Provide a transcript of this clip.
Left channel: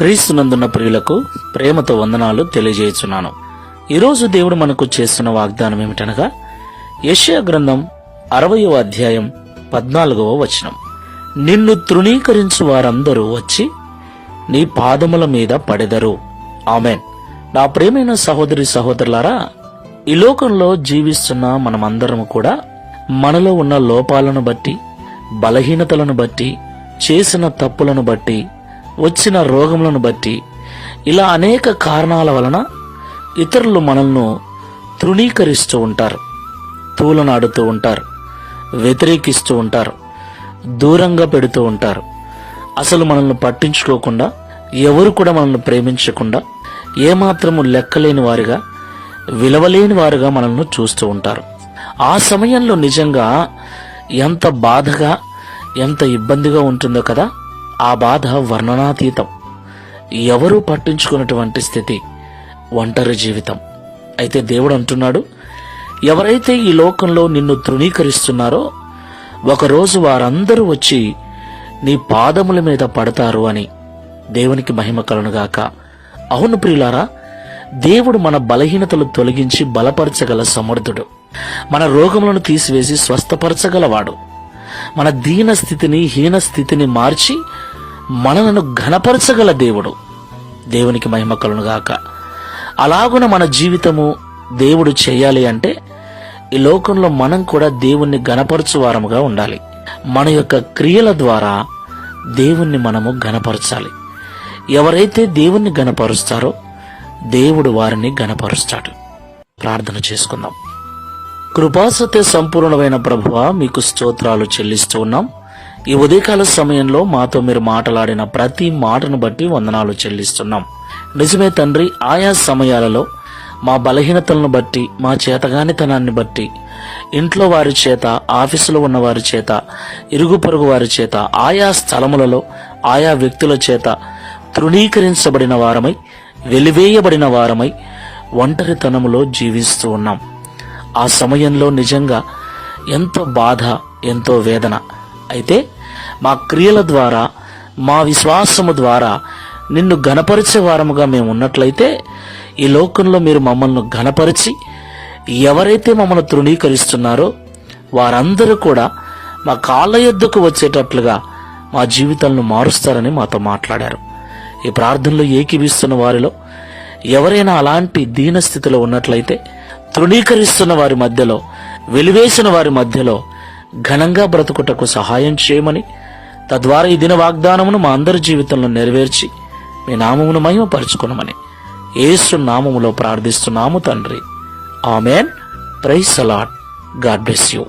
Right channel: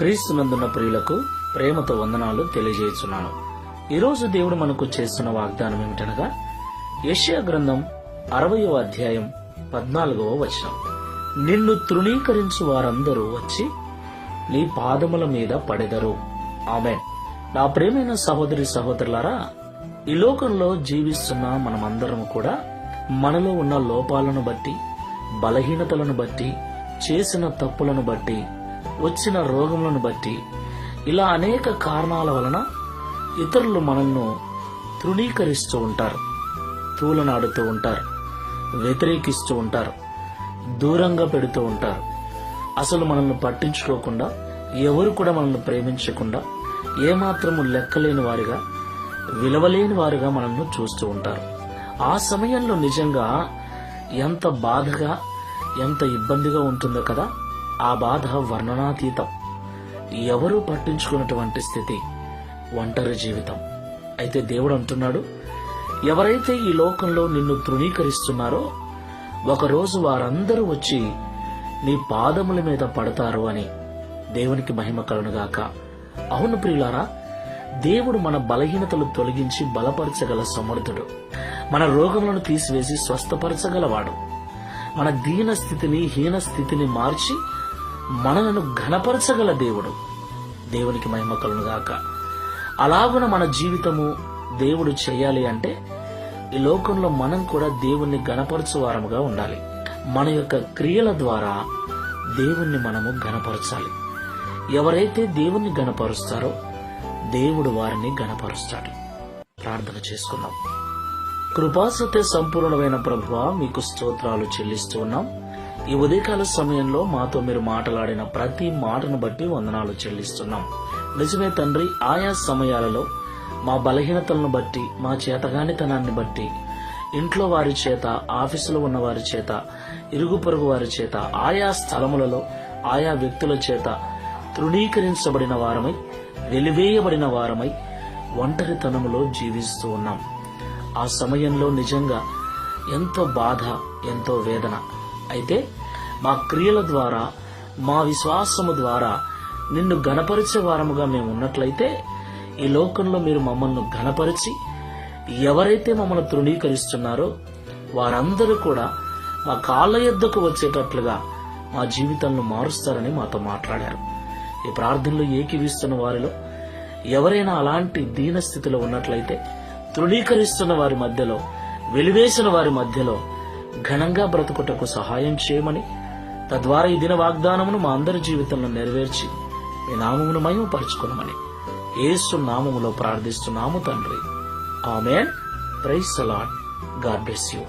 క్రీస్తునందున్న ప్రియులకు ప్రేమతో వందనాలు తెలియజేస్తున్నాను ఈరోజు దేవుడు మనకు చేస్తున్న వాగ్దానం ఏమిటనగా యెషయా గ్రంథం అరవయో అధ్యాయం పద్నాలుగవ వచనం. నిన్ను తృణీకరించు వారందరూ వచ్చి నీ పాదముల మీద పడెదరు. ఆమెన్. నా ప్రేమైన సహోదరి సహోదరులారా ఈ లోకంలో జీవిస్తున్న మనమందరం కూడా మనలో ఉన్న లోపాలను బట్టి బలహీనతలను బట్టి చేసిన తప్పులను బట్టి వచ్చిన రోగములను బట్టి ఇలా అనేక కారణాల వలన ఇతరులు మనల్ని తృణీకరిస్తూ ఉంటారు తూలనాడుతూ ఉంటారు వ్యతిరేకిస్తూ ఉంటారు దూరంగా పెడుతూ ఉంటారు. అసలు మనల్ని పట్టించుకోకుండా ఎవరు కూడా మనల్ని ప్రేమించకుండా ఏమాత్రము లెక్కలేని వారుగా విలువలేని వారుగా మనల్ని చూస్తూ ఉంటారు. ఆ సమయంలో నిజంగా ఎంత బాధగా ఎంత ఇబ్బందిగా ఉంటుందో కదా ఆ బాధ వర్ణనాతీతం. ఎవరూ పట్టించుకున్నటువంటి స్థితి ఒంటరి జీవితం. అయితే దేవుడు అంటున్నాడు ఎవరైతే ఈ లోకంలో నిన్ను తృణీకరిస్తున్నారో ఒకరోజు వారందరూ వచ్చి నీ పాదముల మీద పడతారు అని దేవునికి మహిమ కలునుగాక అవును ప్రియులారా దేవుడు మన బలహీనతలు తొలగించి బలపరచగల సమర్థుడు. మన రోగములను తీసివేసి స్వస్థపరచగలవాడు. మన దీన స్థితిని హీన స్థితిని మార్చి మనలను ఘనపరచగల దేవుడు. దేవునికి మహిమ కలునుగాక అలాగున మన జీవితము దేవుడు చేయాలి అంటే ఈ లోకంలో మనం కూడా దేవుణ్ణి గణపరచువారముగా ఉండాలి. మన యొక్క క్రియల ద్వారా దేవుణ్ణి మనము గణపరచాలి ఎవరైతే దేవుణ్ణి గణపరుస్తారో దేవుడు వారిని గణపరుస్తాడు ప్రార్థన చేసుకుందాం. కృపాసత్య సంపూర్ణమైన ప్రభువ మీకు స్తోత్రాలు చెల్లిస్తూ ఉన్నాం. ఈ ఉదయకాల సమయంలో మాతో మీరు మాట్లాడిన ప్రతి మాటను బట్టి వందనాలు చెల్లిస్తున్నాం. నిజమే తండ్రి ఆయా సమయాలలో మా బలహీనతలను బట్టి మా చేతగానితనాన్ని బట్టి ఇంట్లో వారి చేత ఆఫీసులో ఉన్న వారి చేత ఇరుగు పొరుగు వారి చేత ఆయా స్థలములలో ఆయా వ్యక్తుల చేత తృణీకరించబడిన వారమై వెలివేయబడిన వారమై ఒంటరితనములో జీవిస్తూ ఉన్నాం. ఆ సమయంలో నిజంగా ఎంతో బాధ ఎంతో వేదన అయితే మా క్రియల ద్వారా మా విశ్వాసము ద్వారా నిన్ను గణపరిచే వారముగా మేము ఉన్నట్లయితే ఈ లోకంలో మీరు మమ్మల్ని ఘనపరిచి ఎవరైతే మమ్మల్ని తృణీకరిస్తున్నారో వారందరూ కూడా మా కాళ్ళ ఎద్దుకు వచ్చేటట్లుగా మా జీవితాలను మారుస్తారని మాతో మాట్లాడారు. ఈ ప్రార్థనలో ఏకీవిస్తున్న వారిలో ఎవరైనా అలాంటి దీనస్థితిలో ఉన్నట్లయితే తృణీకరిస్తున్న వారి మధ్యలో వెలివేసిన వారి మధ్యలో ఘనంగా బ్రతుకుటకు సహాయం చేయమని తద్వారా ఈ దిన వాగ్దానమును మా అందరి జీవితంలో నెరవేర్చి మీ నామమును మహిమపరుచుకునమని ఏసు నామములో ప్రార్థిస్తున్నాము తండ్రి. Amen. Praise a lot God bless you.